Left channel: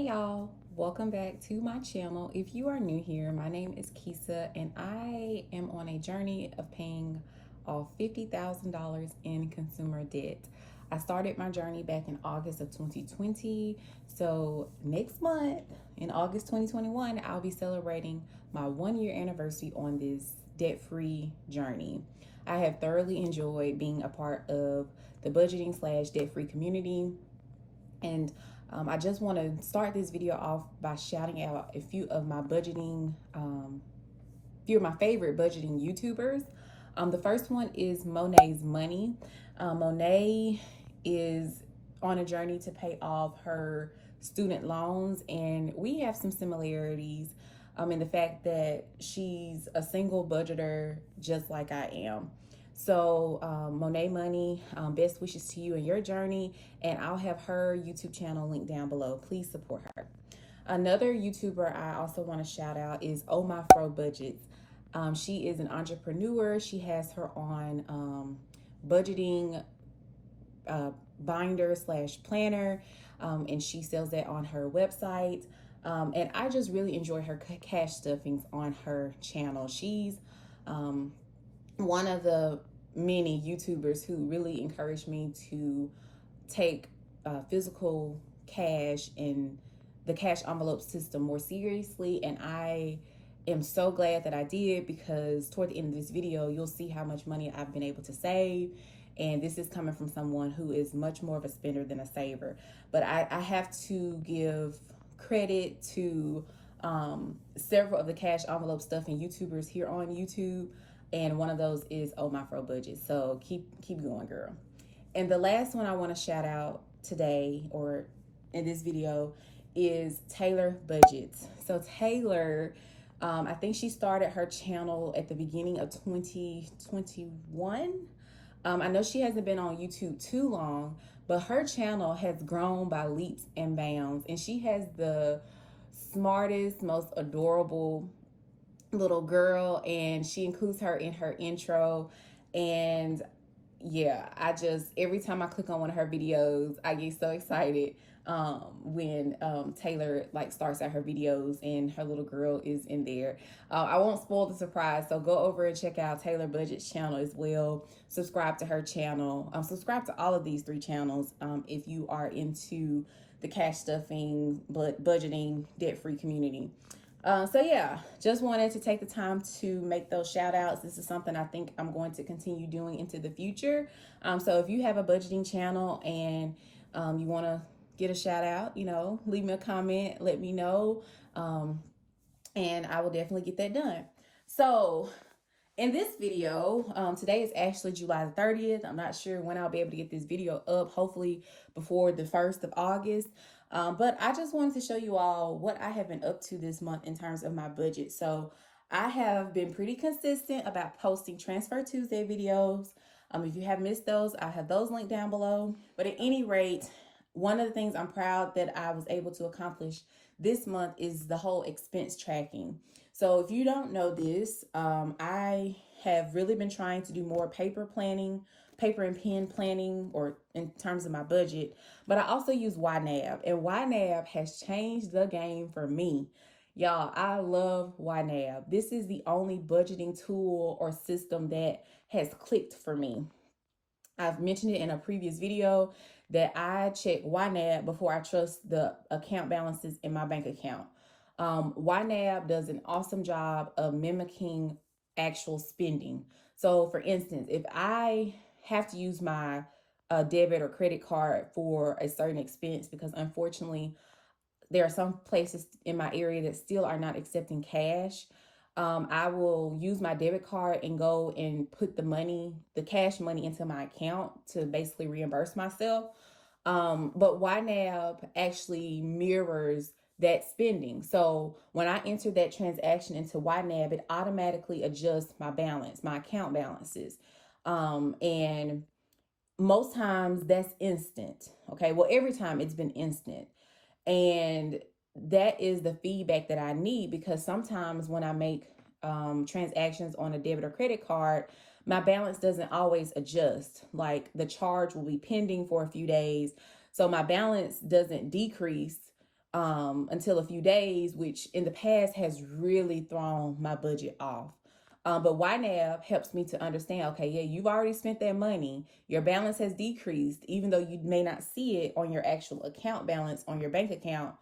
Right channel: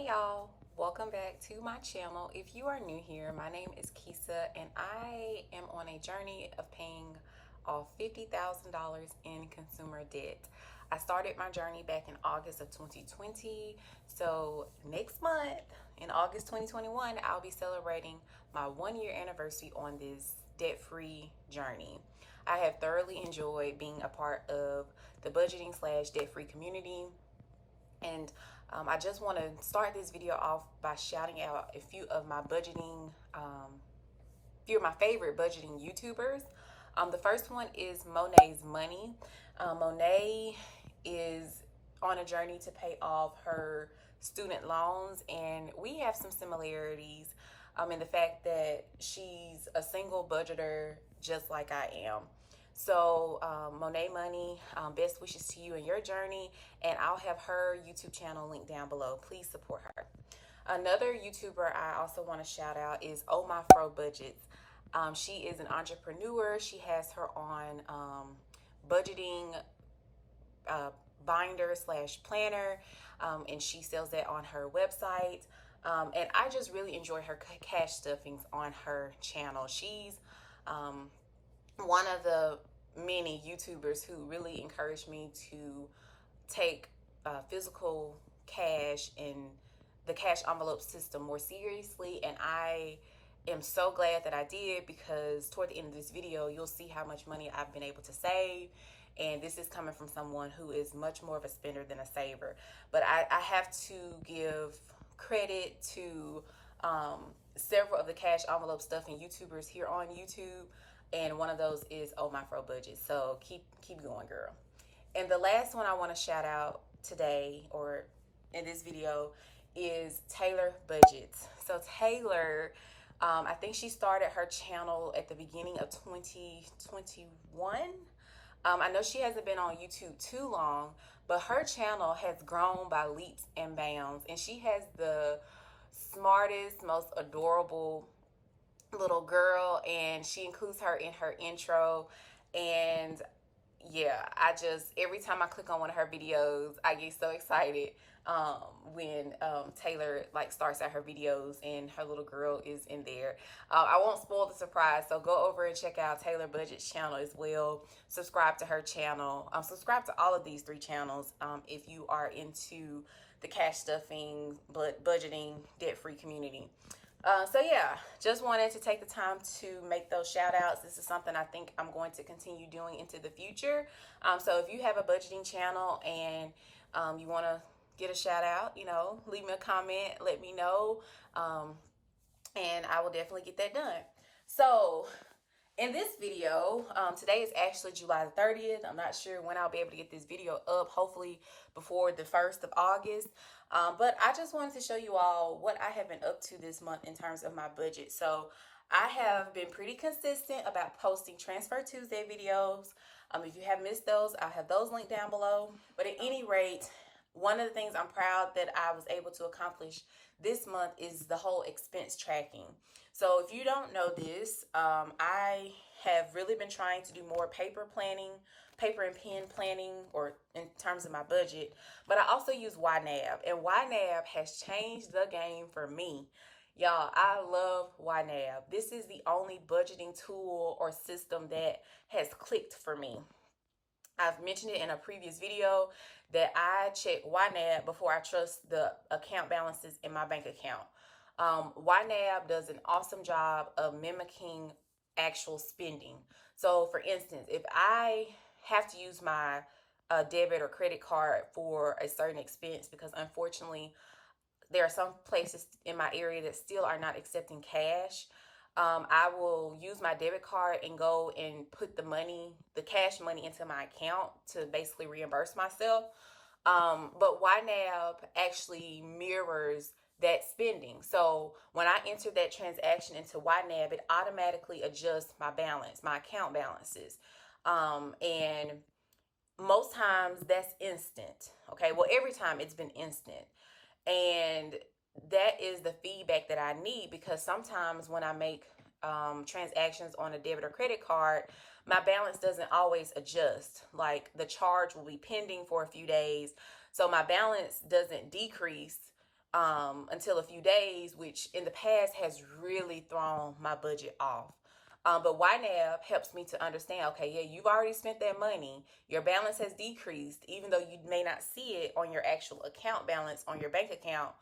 Hey y'all, welcome back to my channel. If you are new here, my name is Kisa and I am on a journey of paying off $50,000 in consumer debt. I started my journey back in August of 2020. So next month, in August 2021, I'll be celebrating my 1-year anniversary on this debt-free journey. I have thoroughly enjoyed being a part of the budgeting / debt-free community. And I just want to start this video off by shouting out a few of my favorite budgeting YouTubers. The first one is Monet's Money. Monet is on a journey to pay off her student loans, and we have some similarities in the fact that she's a single budgeter just like I am. So Monet Money, best wishes to you and your journey, and I'll have her YouTube channel linked down below. Please support her. Another YouTuber I also want to shout out is Oh My Fro Budgets. She is an entrepreneur. She has her on budgeting binder / planner, and she sells that on her website. And I just really enjoy her cash stuffings on her channel. She's one of the many YouTubers who really encouraged me to take physical cash and the cash envelope system more seriously, and I am so glad that I did, because toward the end of this video you'll see how much money I've been able to save, and this is coming from someone who is much more of a spender than a saver. But I have to give credit to several of the cash envelope stuffing YouTubers here on YouTube, and one of those is Oh My Fro Budget. So keep going, girl. And the last one I want to shout out today, or in this video, is Taylor Budgets. So Taylor, I think she started her channel at the beginning of 2021. I know she hasn't been on YouTube too long, but her channel has grown by leaps and bounds, and she has the smartest, most adorable little girl, and she includes her in her intro. And yeah, every time I click on one of her videos, I get so excited when Taylor starts out her videos and her little girl is in there. I won't spoil the surprise, so go over and check out Taylor Budget's channel as well. Subscribe to her channel. Subscribe to all of these 3 channels if you are into the cash stuffing, budgeting, debt-free community. So yeah, just wanted to take the time to make those shout outs. This is something I think I'm going to continue doing into the future. So if you have a budgeting channel and you want to get a shout out, leave me a comment, let me know, and I will definitely get that done. So in this video, today is actually July the 30th. I'm not sure when I'll be able to get this video up, hopefully before the 1st of August. But I just wanted to show you all what I have been up to this month in terms of my budget. So I have been pretty consistent about posting Transfer Tuesday videos. If you have missed those, I'll have those linked down below. But at any rate, one of the things I'm proud that I was able to accomplish this month is the whole expense tracking. So if you don't know this, I have really been trying to do more paper and pen planning, or in terms of my budget, but I also use ynab, and ynab has changed the game for me. Y'all, I love ynab. This is the only budgeting tool or system that has clicked for me. I've mentioned it in a previous video that I check ynab before I trust the account balances in my bank account. ynab does an awesome job of mimicking actual spending. So for instance, if I have to use my debit or credit card for a certain expense, because unfortunately there are some places in my area that still are not accepting cash, I will use my debit card and go and put the cash money into my account to basically reimburse myself. But YNAB actually mirrors that spending. So when I enter that transaction into YNAB, it automatically adjusts my balance, my account balances. And most times that's instant. Okay, well, every time it's been instant. And that is the feedback that I need, because sometimes when I make transactions on a debit or credit card, my balance doesn't always adjust. Like the charge will be pending for a few days, so my balance doesn't decrease until a few days, which in the past has really thrown my budget off. But ynab helps me to understand, okay, yeah, you've already spent that money. Your balance has decreased, even though you may not see it on your actual account balance on your bank account.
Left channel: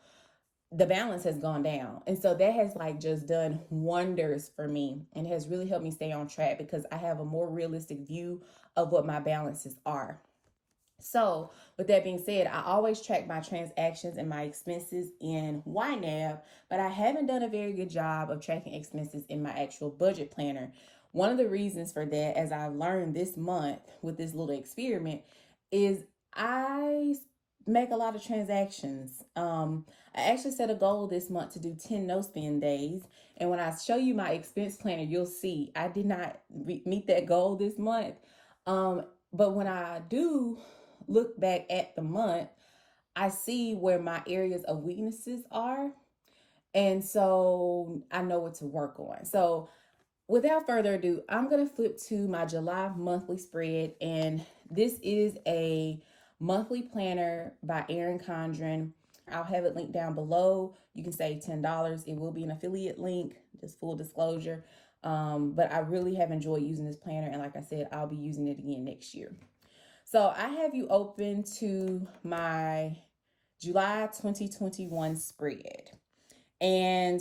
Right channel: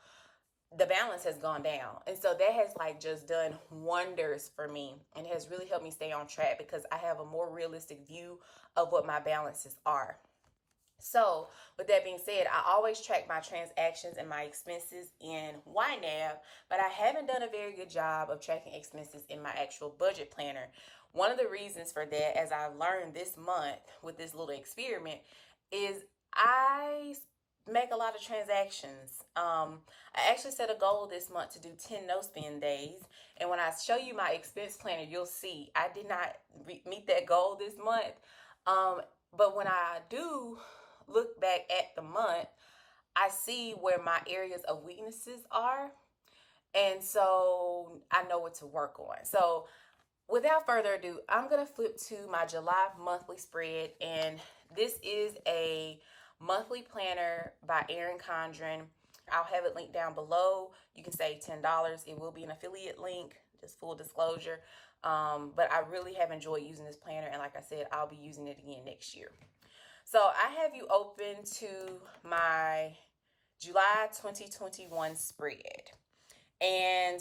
The balance has gone down. And so that has like just done wonders for me, and has really helped me stay on track because I have a more realistic view of what my balances are. So with that being said, I always track my transactions and my expenses in ynab, but I haven't done a very good job of tracking expenses in my actual budget planner. One of the reasons for that, as I've learned this month with this little experiment, is I make a lot of transactions. I actually set a goal this month to do 10 no spend days. And when I show you my expense planner, you'll see I did not meet that goal this month. But when I do look back at the month, I see where my areas of weaknesses are. And so I know what to work on. So without further ado, I'm going to flip to my July monthly spread. And this is a monthly planner by Erin Condren. I'll have it linked down below. You can save $10. It will be an affiliate link, just full disclosure. But I really have enjoyed using this planner. And like I said, I'll be using it again next year. So I have you open to my July 2021 spread. And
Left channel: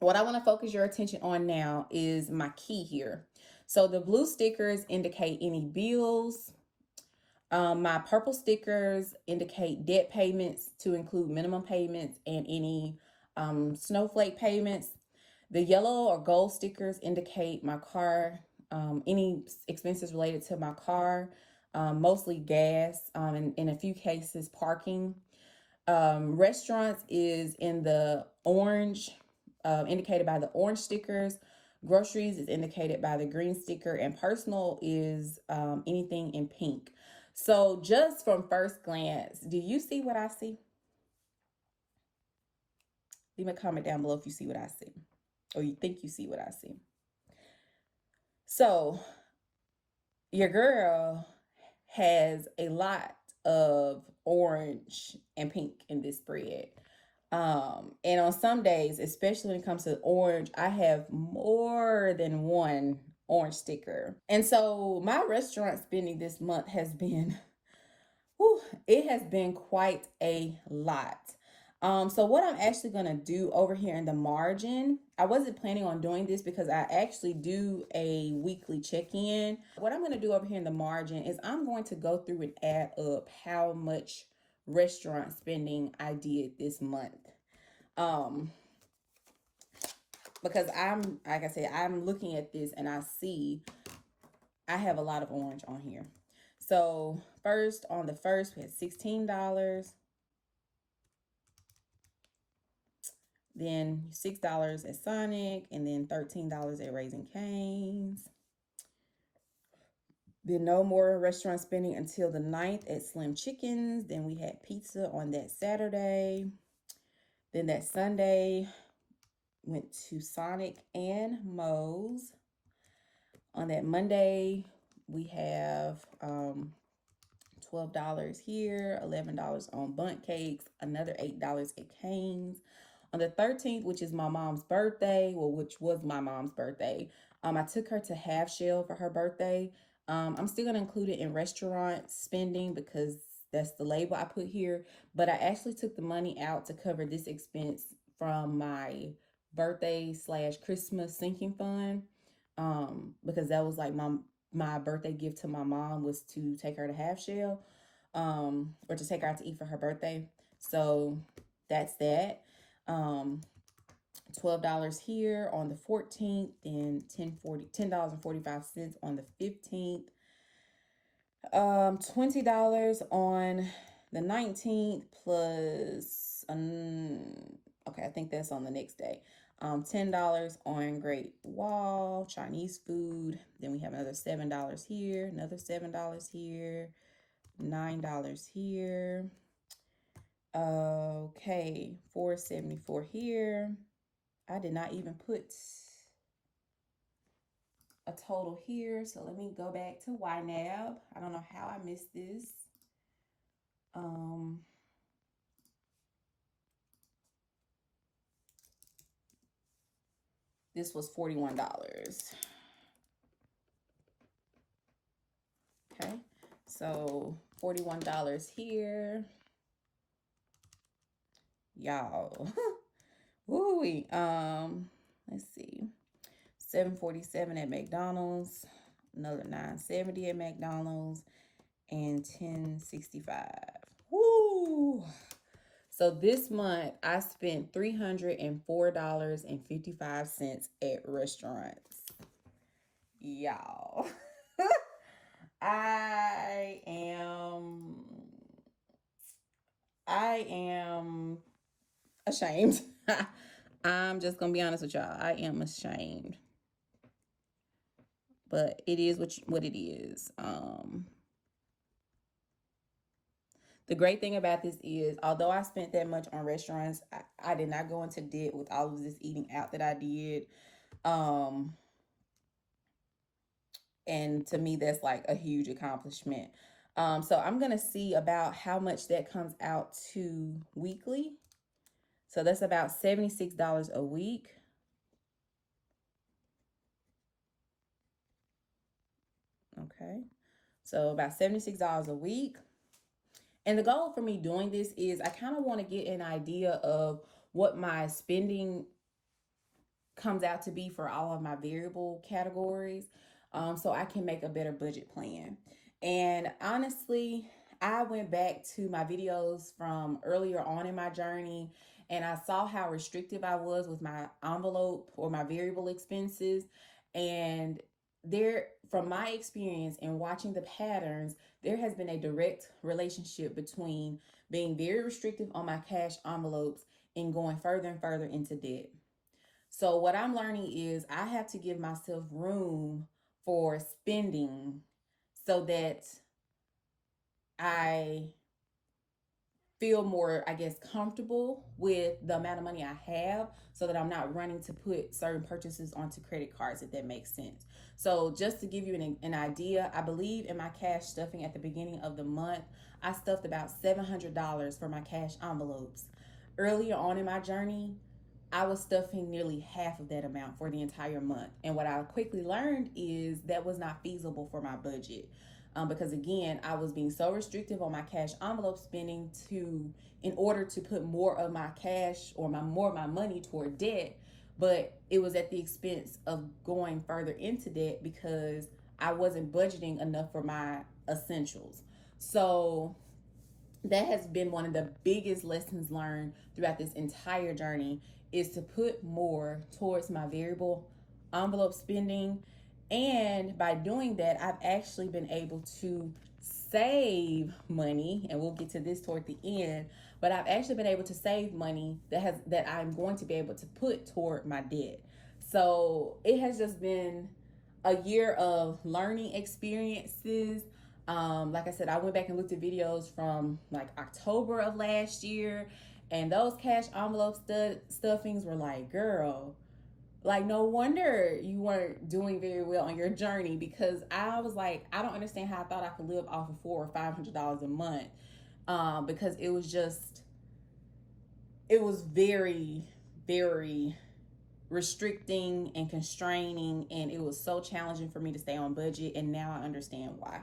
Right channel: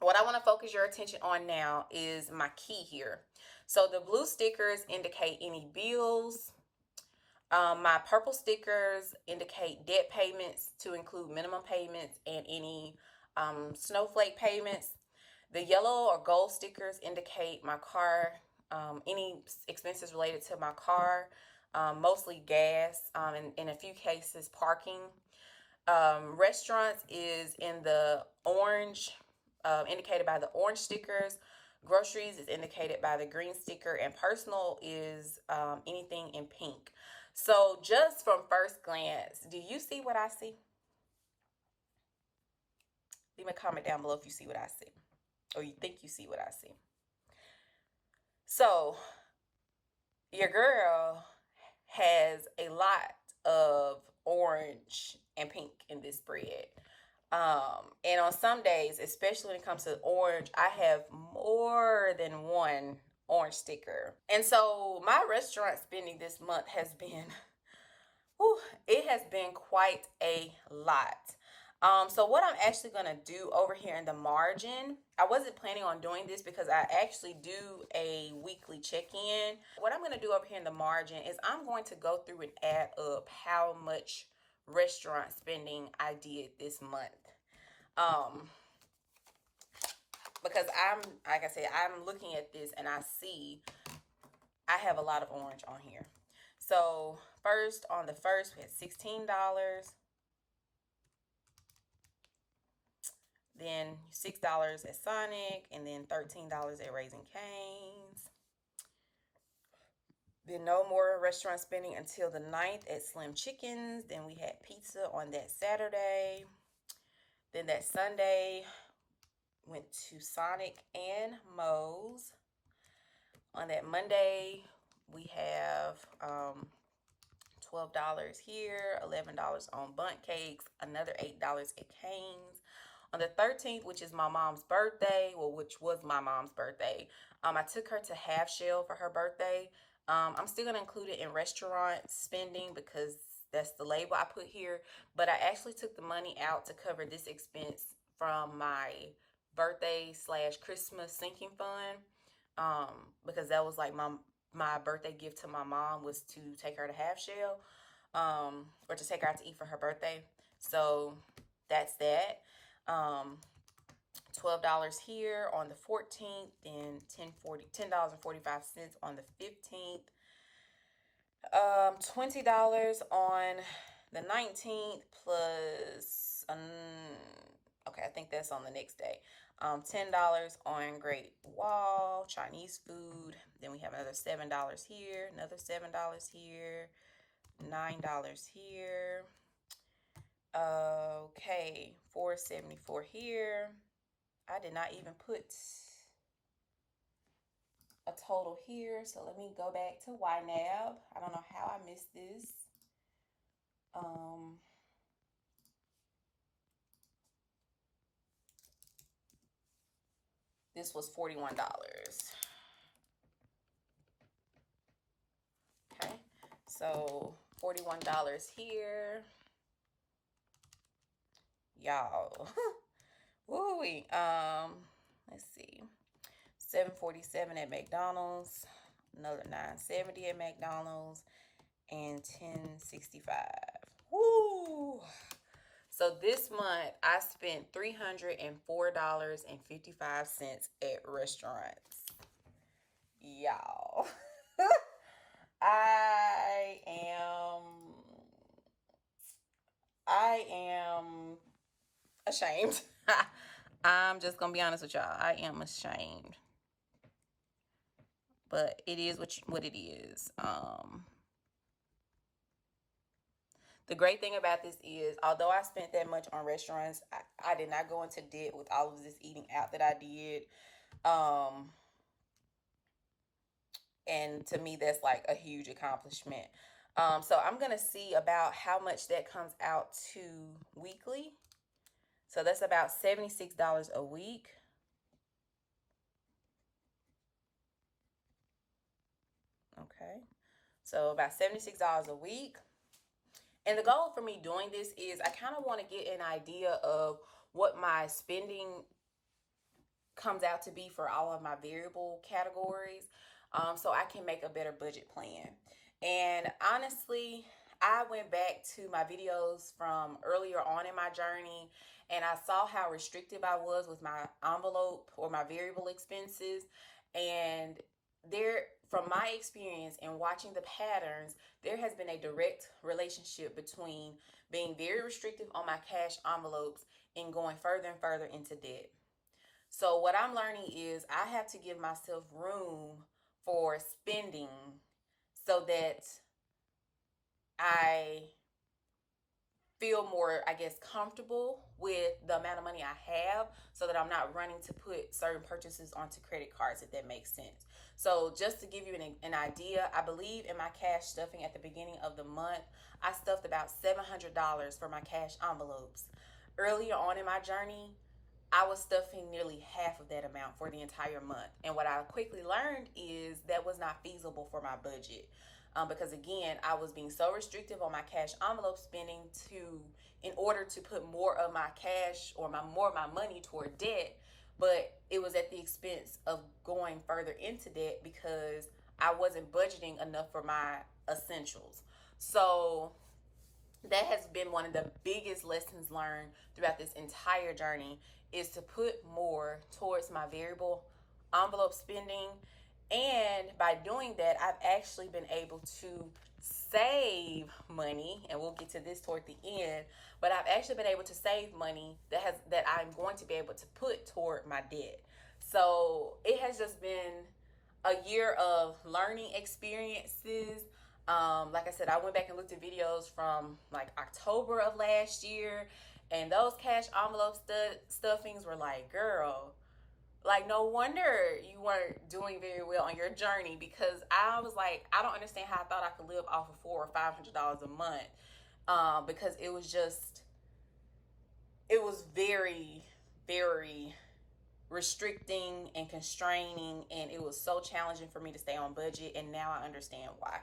what I want to focus your attention on now is my key here. So the blue stickers indicate any bills. My purple stickers indicate debt payments to include minimum payments and any snowflake payments. The yellow or gold stickers indicate my car, any expenses related to my car, mostly gas, and in a few cases, parking. Restaurants is in the orange, indicated by the orange stickers. Groceries is indicated by the green sticker, and personal is anything in pink. So just from first glance, do you see what I see? Leave me a comment down below if you see what I see, or you think you see what I see. So your girl has a lot of orange and pink in this spread. And on some days, especially when it comes to orange, I have more than one orange sticker. And so my restaurant spending this month has been, whew, it has been quite a lot. So what I'm actually going to do over here in the margin, I wasn't planning on doing this because I actually do a weekly check-in. What I'm going to do over here in the margin is I'm going to go through and add up how much restaurant spending I did this month. Because like I said, I'm looking at this and I see I have a lot of orange on here. So first, on the first, we had $16. Then $6 at Sonic, and then $13 at Raising Cane's. Then no more restaurant spending until the 9th at Slim Chickens. Then we had pizza on that Saturday. Then that Sunday went to Sonic and Moe's. On that Monday, we have $12 here, $11 on Bundt Cakes, another $8 at Cane's. On the 13th, which is my mom's birthday, well, which was my mom's birthday, I took her to Half Shell for her birthday. I'm still going to include it in restaurant spending because that's the label I put here. But I actually took the money out to cover this expense from my birthday / Christmas sinking fund, because that was like my birthday gift to my mom was to take her to Half Shell, or to take her out to eat for her birthday. So that's that. $12 here on the 14th, and $10.45 on the 15th. $20 on the 19th plus, okay, I think that's on the next day. $10 on Great Wall, Chinese food. Then we have another $7 here, another $7 here, $9 here. Okay, $4.74 here. I did not even put a total here, so let me go back to ynab. I don't know how I missed this. This was $41. Okay, so $41 here. Y'all. Woo-wee. Let's see. $7.47 at McDonald's, another $9.70 at McDonald's, and $10.65. Woo! So this month I spent $304.55 at restaurants. Y'all. I am ashamed. I'm just gonna be honest with y'all. I am ashamed. But it is what it is. The great thing about this is, although I spent that much on restaurants, I did not go into debt with all of this eating out that I did. And to me, that's like a huge accomplishment. So I'm going to see about how much that comes out to weekly. So that's about $76 a week. Okay. So about $76 a week. And the goal for me doing this is I kind of want to get an idea of what my spending comes out to be for all of my variable categories, so I can make a better budget plan. And honestly, I went back to my videos from earlier on in my journey, and I saw how restrictive I was with my envelope or my variable expenses. And from my experience in watching the patterns, there has been a direct relationship between being very restrictive on my cash envelopes and going further and further into debt. So what I'm learning is I have to give myself room for spending so that I feel more, I guess, comfortable with the amount of money I have, so that I'm not running to put certain purchases onto credit cards, if that makes sense. So just to give you an idea, I believe in my cash stuffing at the beginning of the month, I stuffed about $700 for my cash envelopes. Earlier on in my journey, I was stuffing nearly half of that amount for the entire month. And what I quickly learned is that was not feasible for my budget. Because again, I was being so restrictive on my cash envelope spending in order to put more of my cash or more of my money toward debt, but it was at the expense of going further into debt because I wasn't budgeting enough for my essentials. So that has been one of the biggest lessons learned throughout this entire journey, is to put more towards my variable envelope spending. And by doing that, I've actually been able to save money, and we'll get to this toward the end, but I've actually been able to save money that I'm going to be able to put toward my debt. So it has just been a year of learning experiences. Like I said, I went back and looked at videos from like October of last year, and those cash envelope stuffings were like, girl, like, no wonder you weren't doing very well on your journey, because I was like, I don't understand how I thought I could live off of $400 or $500 a month, because it was very, very restricting and constraining, and it was so challenging for me to stay on budget, and now I understand why.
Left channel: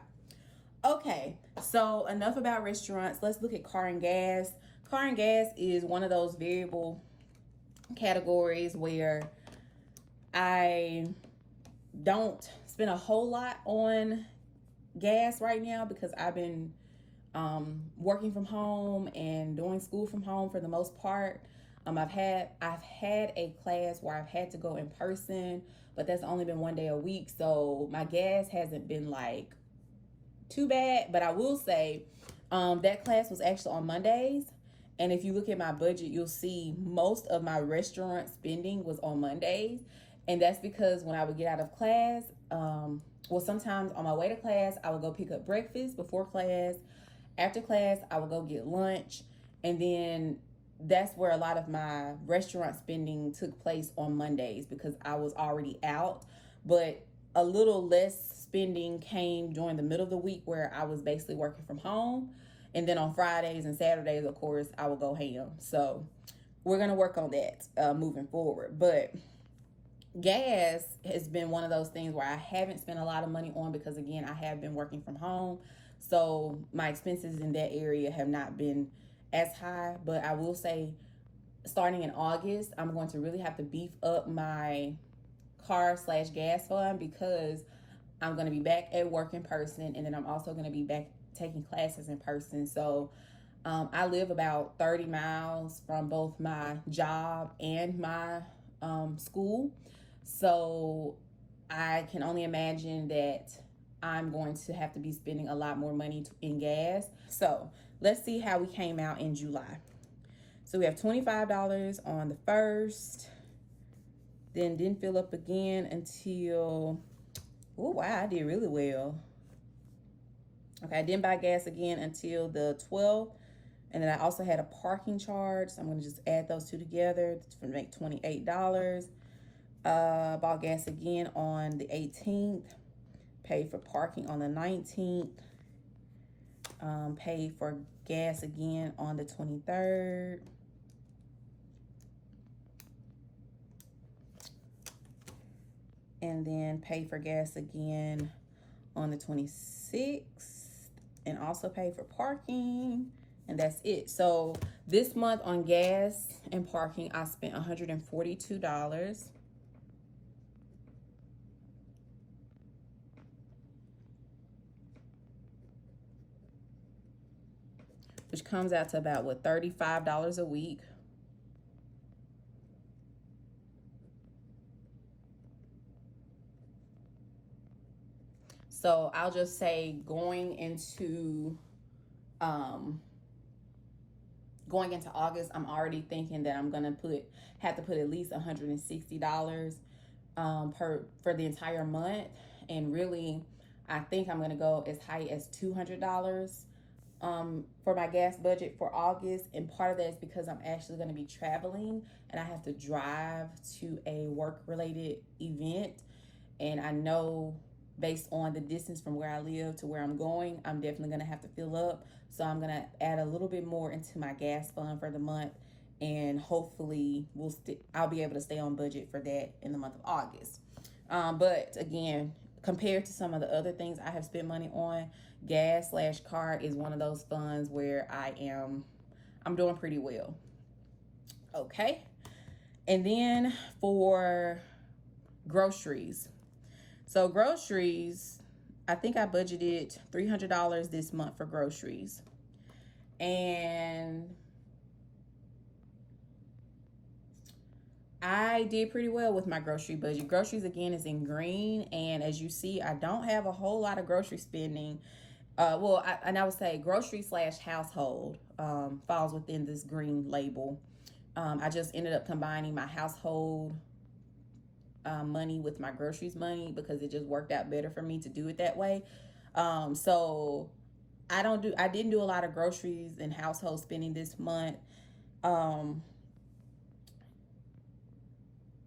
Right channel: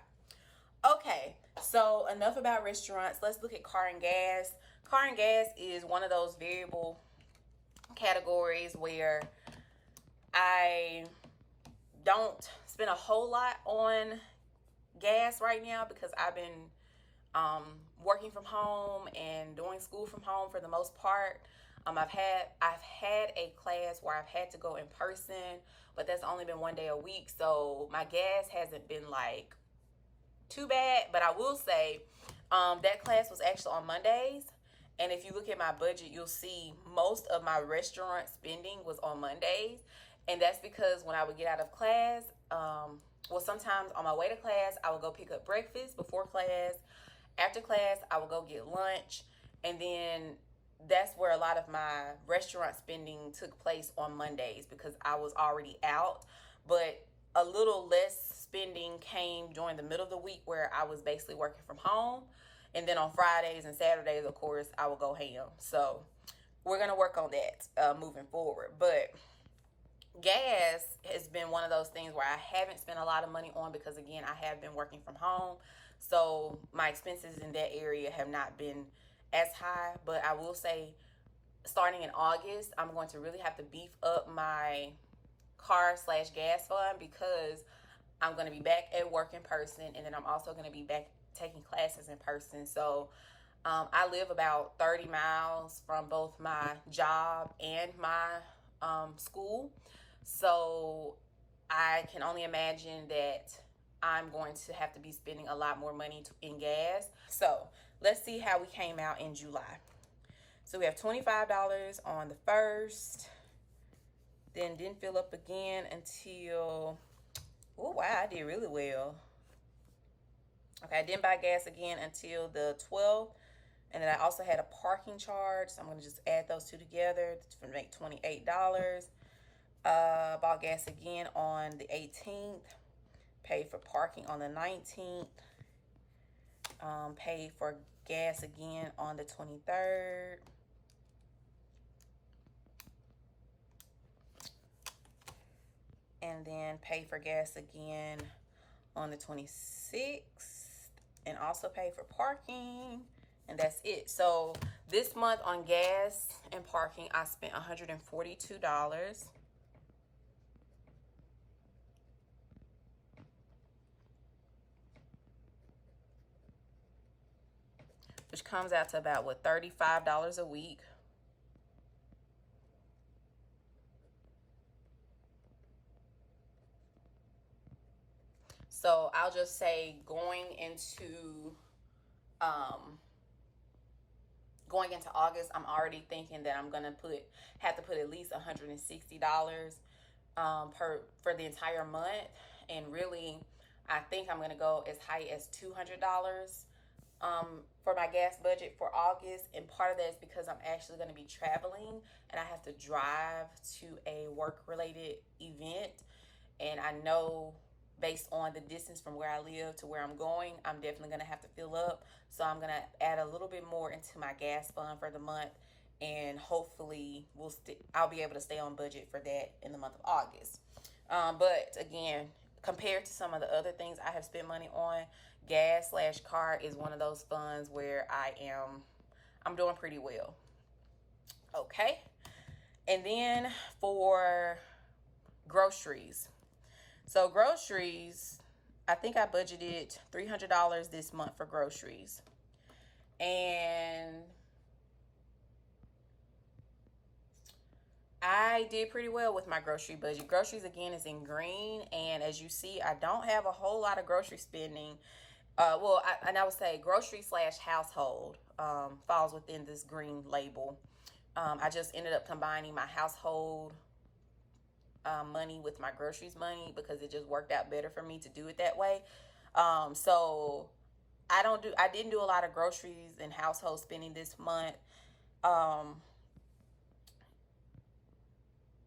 Okay, so enough about restaurants. Let's look at car and gas. Car and gas is one of those variable categories where I don't spend a whole lot on gas right now, because I've been working from home and doing school from home for the most part. I've had a class where I've had to go in person, but that's only been one day a week, so my gas hasn't been like too bad. But I will say that class was actually on Mondays, and if you look at my budget, you'll see most of my restaurant spending was on Mondays. And that's because when I would get out of class, well, sometimes on my way to class, I would go pick up breakfast before class. After class, I would go get lunch. And then that's where a lot of my restaurant spending took place on Mondays, because I was already out. But a little less spending came during the middle of the week, where I was basically working from home. And then on Fridays and Saturdays, of course, I will go ham. So we're going to work on that moving forward. But gas has been one of those things where I haven't spent a lot of money on because, again, I have been working from home. So my expenses in that area have not been as high. But I will say, starting in August, I'm going to really have to beef up my car/gas fund because I'm going to be back at work in person, and then I'm also going to be back taking classes in person. So I live about 30 miles from both my job and my school. So I can only imagine that I'm going to have to be spending a lot more money in gas. So let's see how we came out in July. So we have $25 on the 1st, then didn't fill up again until, oh wow, I did really well. Okay, I didn't buy gas again until the 12th. And then I also had a parking charge. So I'm going to just add those two together to make $28. Bought gas again on the 18th. Paid for parking on the 19th. Paid for gas again on the 23rd. And then paid for gas again on the 26th. And also paid for parking. And that's it. So this month on gas and parking, I spent $142. Which comes out to about, what, $35 a week. So I'll just say going into August, I'm already thinking that I'm gonna have to put at least $160 for the entire month. And really, I think I'm gonna go as high as $200 for my gas budget for August. And part of that is because I'm actually going to be traveling and I have to drive to a work-related event. And I know based on the distance from where I live to where I'm going, I'm definitely going to have to fill up. So I'm going to add a little bit more into my gas fund for the month. And hopefully I'll be able to stay on budget for that in the month of August. But again, compared to some of the other things I have spent money on, gas/car is one of those funds where I'm doing pretty well. Okay. And then for groceries. So groceries, I think I budgeted $300 this month for groceries. And I did pretty well with my grocery budget. Groceries, again, is in green. And as you see, I don't have a whole lot of grocery spending. I would say grocery/household falls within this green label. I just ended up combining my household money with my groceries money because it just worked out better for me to do it that way. So I didn't do a lot of groceries and household spending this month.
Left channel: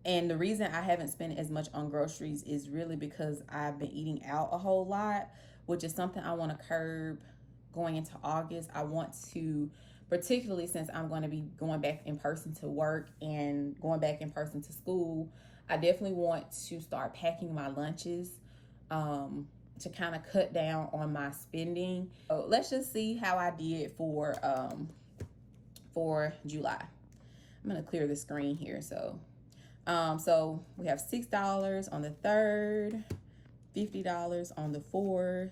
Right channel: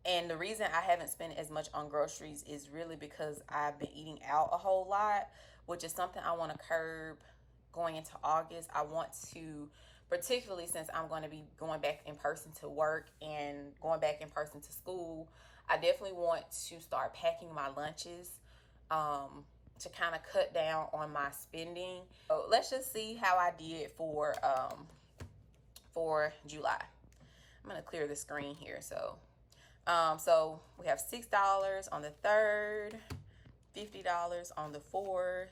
And the reason I haven't spent as much on groceries is really because I've been eating out a whole lot, which is something I want to curb going into August. I want to, particularly since I'm going to be going back in person to work and going back in person to school, I definitely want to start packing my lunches to kind of cut down on my spending. So let's just see how I did for July. I'm going to clear the screen here. So we have $6 on the 3rd, $50 on the 4th,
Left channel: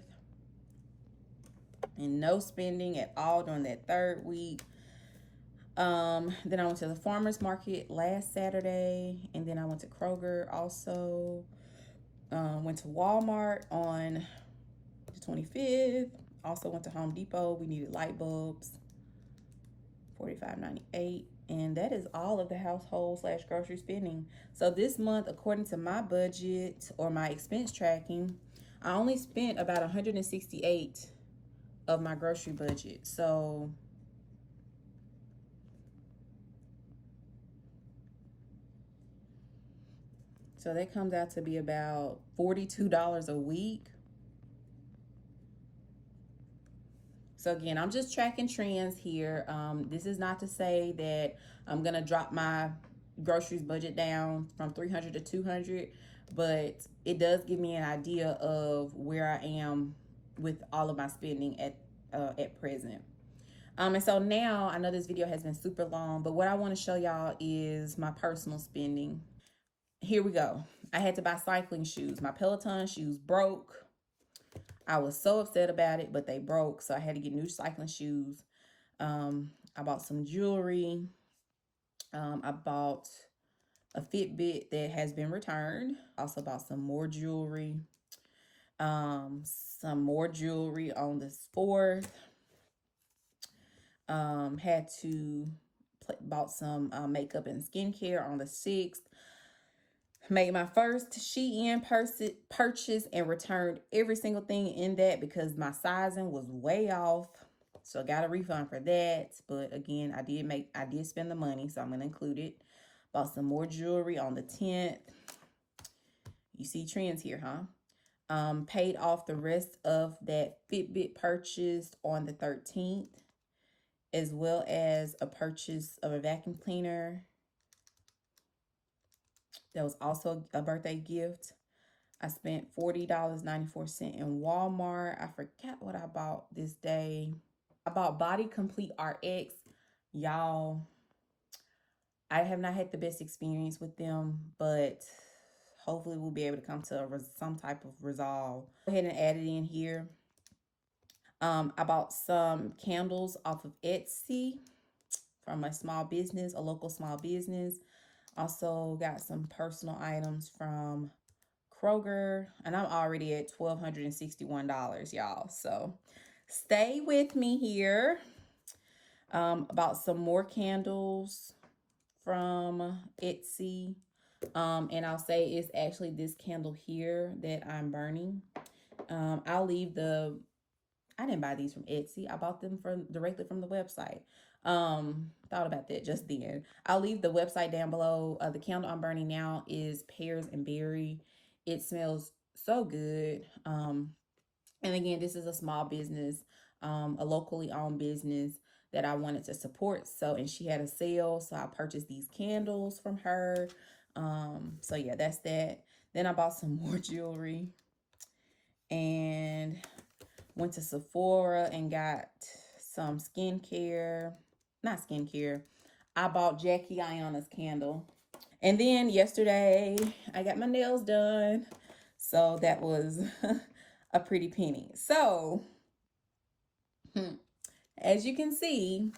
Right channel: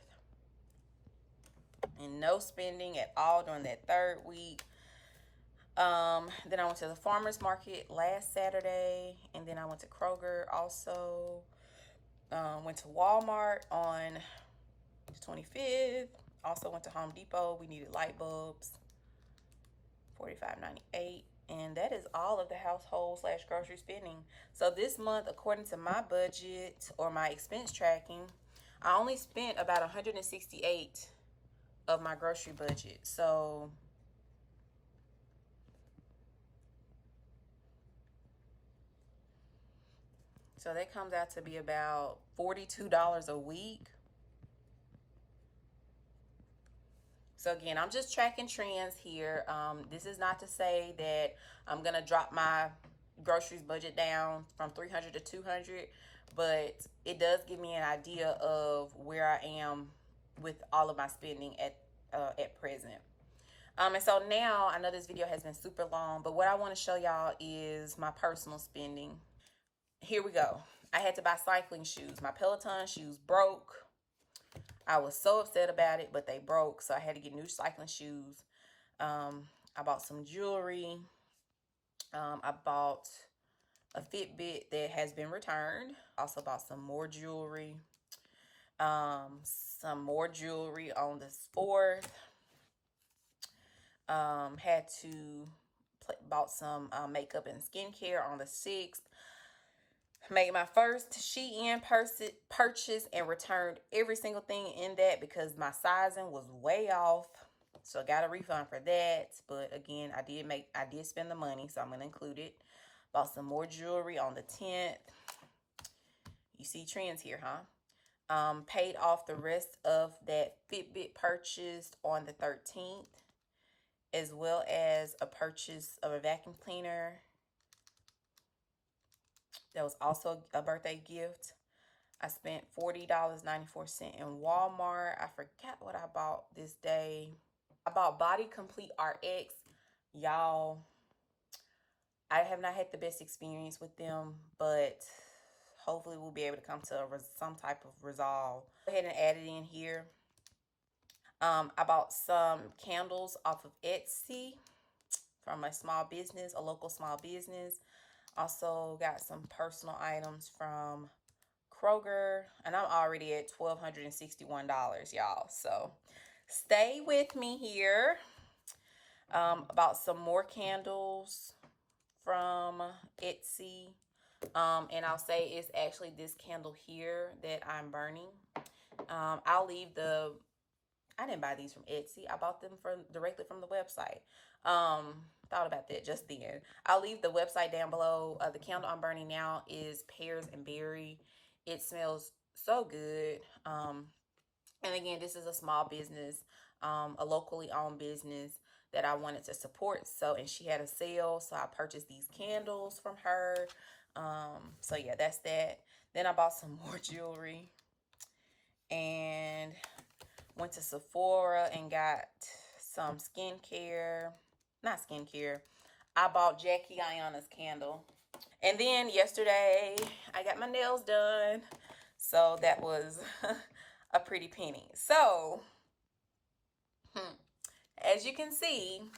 and no spending at all during that 3rd week. Then I went to the farmer's market last Saturday, and then I went to Kroger also. Went to Walmart on the 25th. Also went to Home Depot. We needed light bulbs, $45.98. And that is all of the household/grocery spending. So this month, according to my budget or my expense tracking, I only spent about $168 of my grocery budget. So that comes out to be about $42 a week. So again, I'm just tracking trends here. This is not to say that I'm gonna drop my groceries budget down from 300 to 200, but it does give me an idea of where I am with all of my spending at present. And so now, I know this video has been super long, but what I want to show y'all is my personal spending. Here we go. I had to buy cycling shoes. My Peloton shoes broke. I was so upset about it, but they broke, so I had to get new cycling shoes. I bought some jewelry. I bought a Fitbit that has been returned. Also bought some more jewelry. Some more jewelry on the 4th. Had to bought some makeup and skincare on the 6th. Made my first Shein purchase and returned every single thing in that because my sizing was way off. So I got a refund for that. But again, I did spend the money, so I'm gonna include it. Bought some more jewelry on the 10th. You see trends here, huh? Paid off the rest of that Fitbit purchase on the 13th, as well as a purchase of a vacuum cleaner. That was also a birthday gift. I spent $40.94 in Walmart. I forgot what I bought this day. I bought Body Complete RX. Y'all, I have not had the best experience with them, but hopefully we'll be able to come to some type of resolve. Go ahead and add it in here. I bought some candles off of Etsy from a small business, a local small business. Also got some personal items from Kroger, and I'm already at $1,261, y'all. So stay with me here. Bought some more candles from Etsy. And I'll say it's actually this candle here that I'm burning. I'll leave I didn't buy these from Etsy. I bought them directly from the website. Thought about that just then. I'll leave the website down below. The candle I'm burning now is pears and berry. It smells so good. And again, this is a small business, a locally owned business that I wanted to support. So, and she had a sale, so I purchased these candles from her. So yeah, that's that. Then I bought some more jewelry and went to Sephora and got some skincare. Not skincare. I bought Jackie Ayanna's candle. And then yesterday, I got my nails done. So that was a pretty penny. So, as you can see,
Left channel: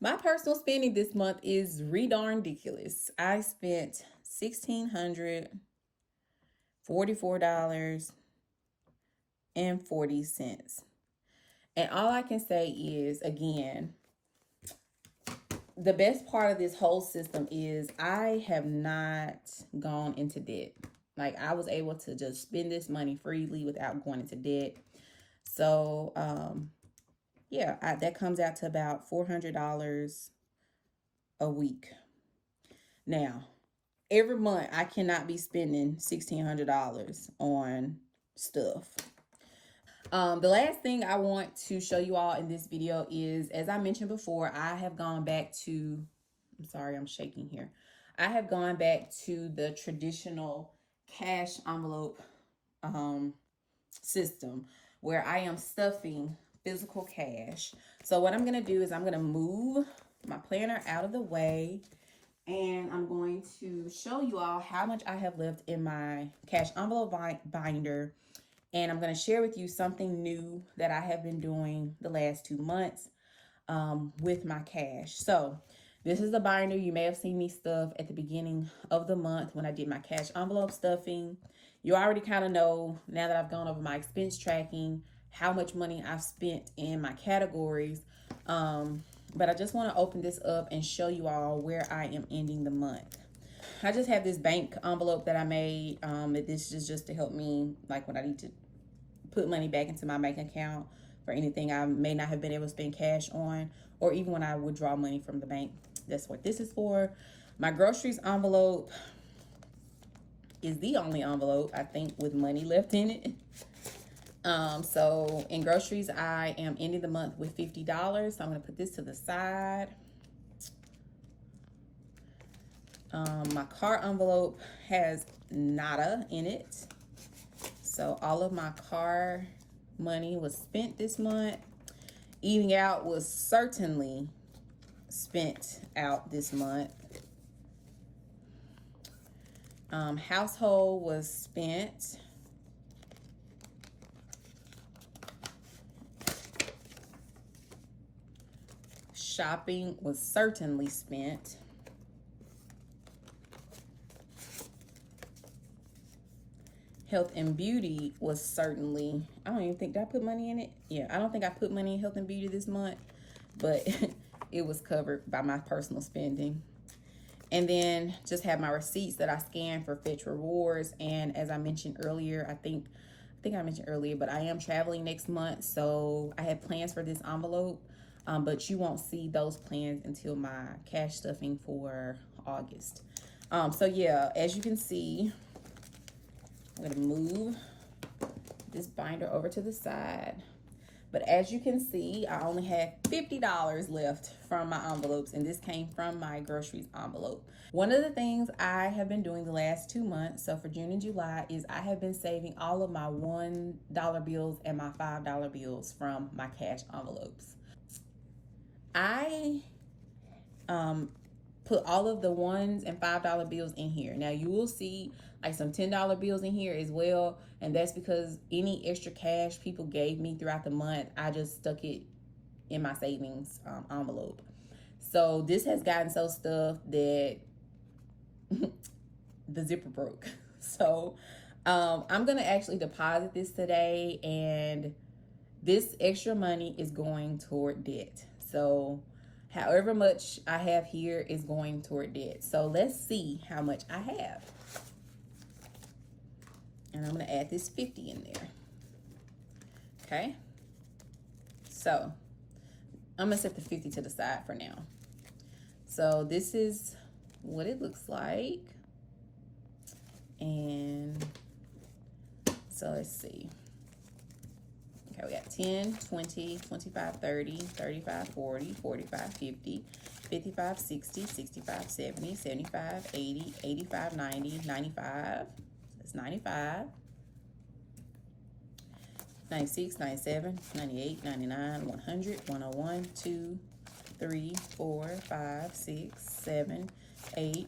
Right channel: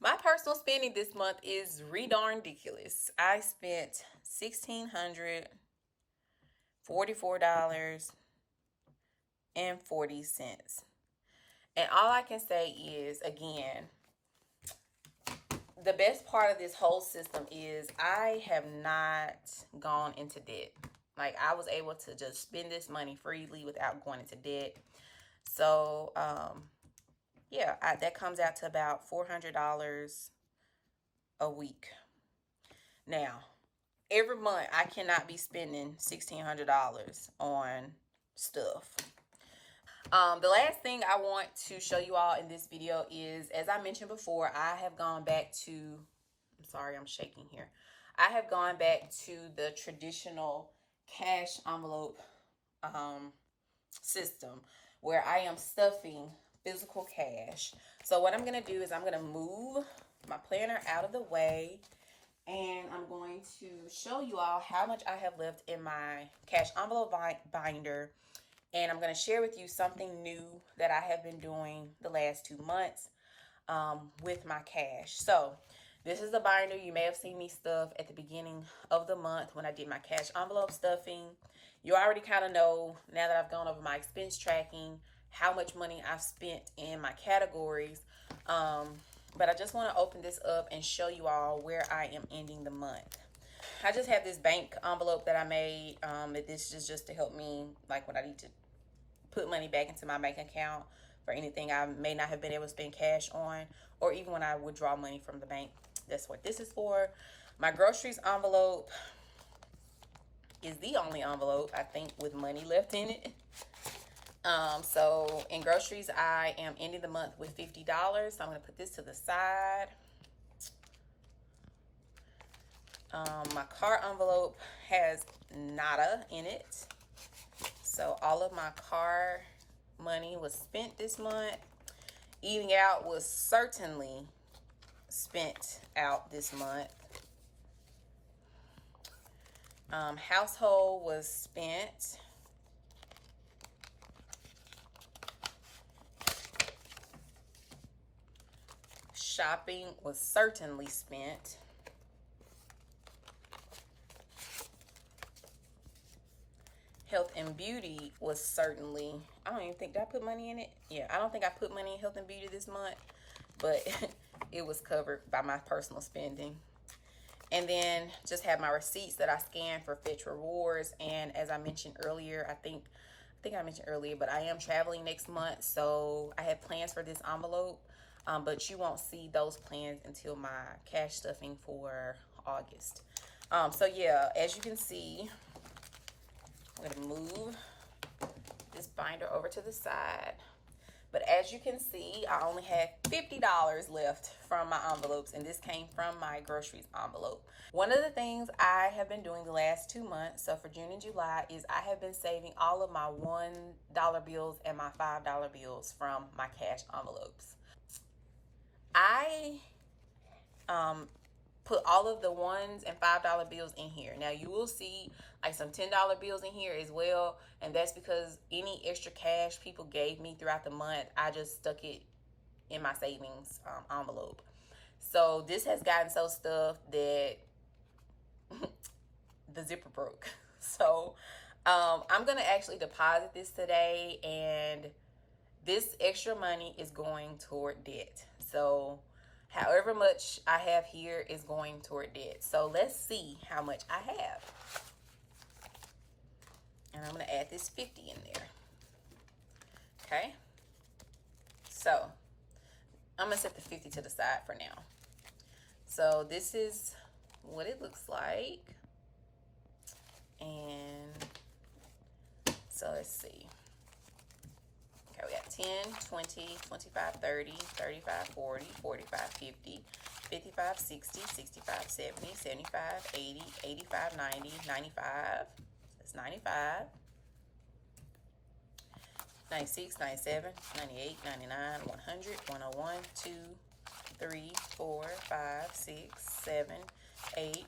my personal spending this month is ridiculous. I spent $1,644.40. And all I can say is, again, the best part of this whole system is I have not gone into debt. Like, I was able to just spend this money freely without going into debt. So, yeah, that comes out to about $400 a week. Now, every month I cannot be spending $1,600 on stuff. The last thing I want to show you all in this video is, as I mentioned before, I have gone back to, I'm sorry, I'm shaking here. I have gone back to the traditional cash envelope system where I am stuffing physical cash. So what I'm going to do is I'm going to move my planner out of the way, and I'm going to show you all how much I have left in my cash envelope binder. And I'm going to share with you something new that I have been doing the last 2 months with my cash. So this is the binder you may have seen me stuff at the beginning of the month when I did my cash envelope stuffing. You already kind of know, now that I've gone over my expense tracking, how much money I've spent in my categories. But I just want to open this up and show you all where I am ending the month. I just have this bank envelope that I made. This is just to help me, like, when I need to put money back into my bank account for anything I may not have been able to spend cash on, or even when I withdraw money from the bank. That's what this is for. My groceries envelope is the only envelope, I think, with money left in it. So in groceries, I am ending the month with $50. So I'm going to put this to the side. My car envelope has nada in it. So all of my car money was spent this month. Eating out was certainly spent out this month. Household was spent. Shopping was certainly spent. Health and beauty was certainly, I don't even think, did I put money in it? Yeah, I don't think I put money in health and beauty this month, but it was covered by my personal spending. And then just have my receipts that I scanned for Fetch Rewards. And as I mentioned earlier, I think I mentioned earlier, but I am traveling next month, so I have plans for this envelope, but you won't see those plans until my cash stuffing for August. So yeah, as you can see, I'm gonna move this binder over to the side. But as you can see, I only had $50 left from my envelopes, and this came from my groceries envelope. One of the things I have been doing the last 2 months, so for June and July, is I have been saving all of my $1 bills and my $5 bills from my cash envelopes. I put all of the $1 and $5 bills in here. Now you will see like some $10 bills in here as well, and that's because any extra cash people gave me throughout the month, I just stuck it in my savings envelope. So this has gotten so stuffed that the zipper broke. So I'm gonna actually deposit this today, and this extra money is going toward debt. So however much I have here is going toward debt. So let's see how much I have. And I'm gonna add this 50 in there. Okay. So I'm gonna set the 50 to the side for now. So this is what it looks like. And so let's see. Okay, we got 10, 20, 25, 30, 35, 40, 45, 50, 55, 60, 65, 70, 75, 80, 85, 90, 95. That's 95. 96, 97, 98, 99, 100, 101, 2, 3, 4, 5, 6, 7, 8,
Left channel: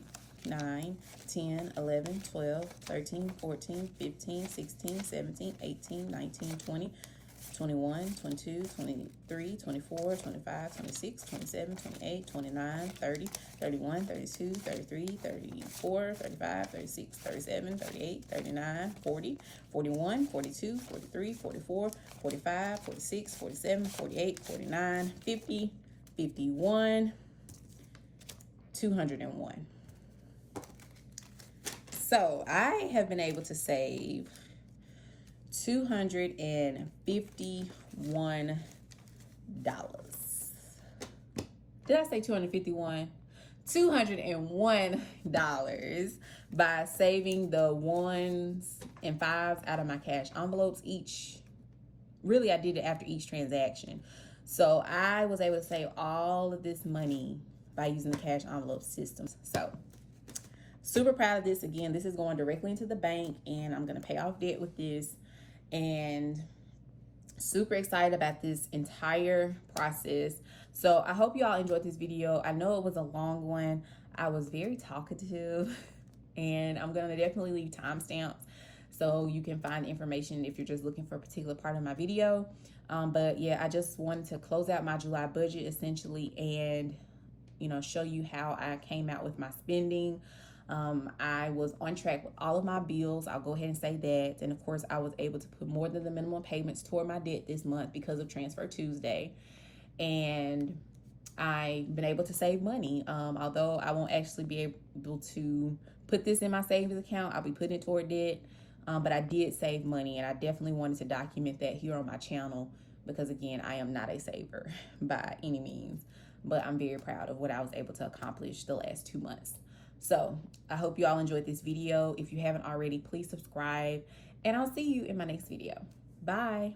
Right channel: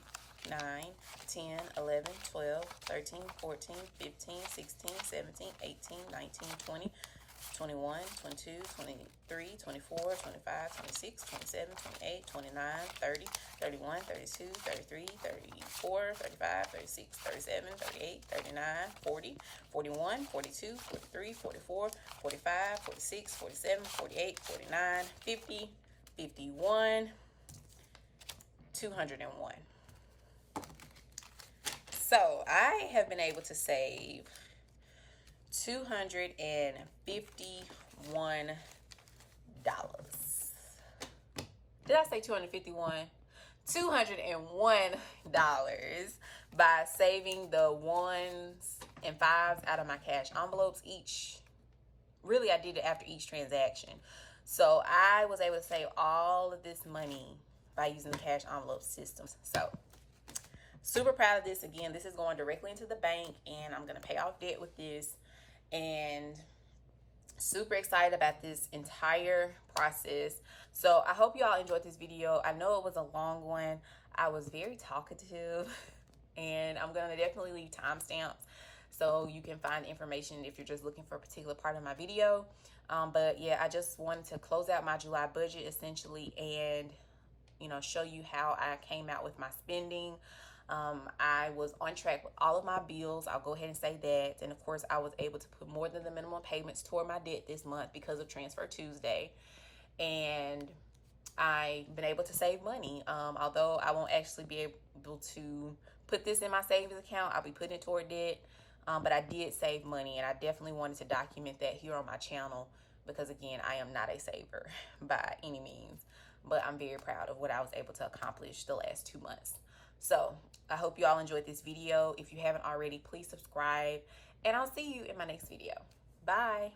9, 10, 11, 12, 13, 14, 15, 16, 17, 18, 19, 20, 21, 22, 23, 24, 25, 26, 27, 28, 29, 30, 31, 32, 33, 34, 35, 36, 37, 38, 39, 40, 41, 42, 43, 44, 45, 46, 47, 48, 49, 50, 51, 201. So I have been able to save $251. Did I say 251? $201 by saving the 1s and 5s out of my cash envelopes each. Really, I did it after each transaction. So I was able to save all of this money by using the cash envelope systems. So super proud of this. Again, this is going directly into the bank, and I'm going to pay off debt with this. And super excited about this entire process. So I hope you all enjoyed this video. I know it was a long one. I was very talkative, and I'm gonna definitely leave timestamps so you can find information if you're just looking for a particular part of my video. But yeah, I just wanted to close out my July budget essentially, and show you how I came out with my spending. I was on track with all of my bills. I'll go ahead and say that. And of course, I was able to put more than the minimum payments toward my debt this month because of Transfer Tuesday. And I've been able to save money. Although I won't actually be able to put this in my savings account, I'll be putting it toward debt. But I did save money, and I definitely wanted to document that here on my channel because, again, I am not a saver by any means. But I'm very proud of what I was able to accomplish the last 2 months. So I hope you all enjoyed this video. If you haven't already, please subscribe, and I'll see you in my next video. Bye.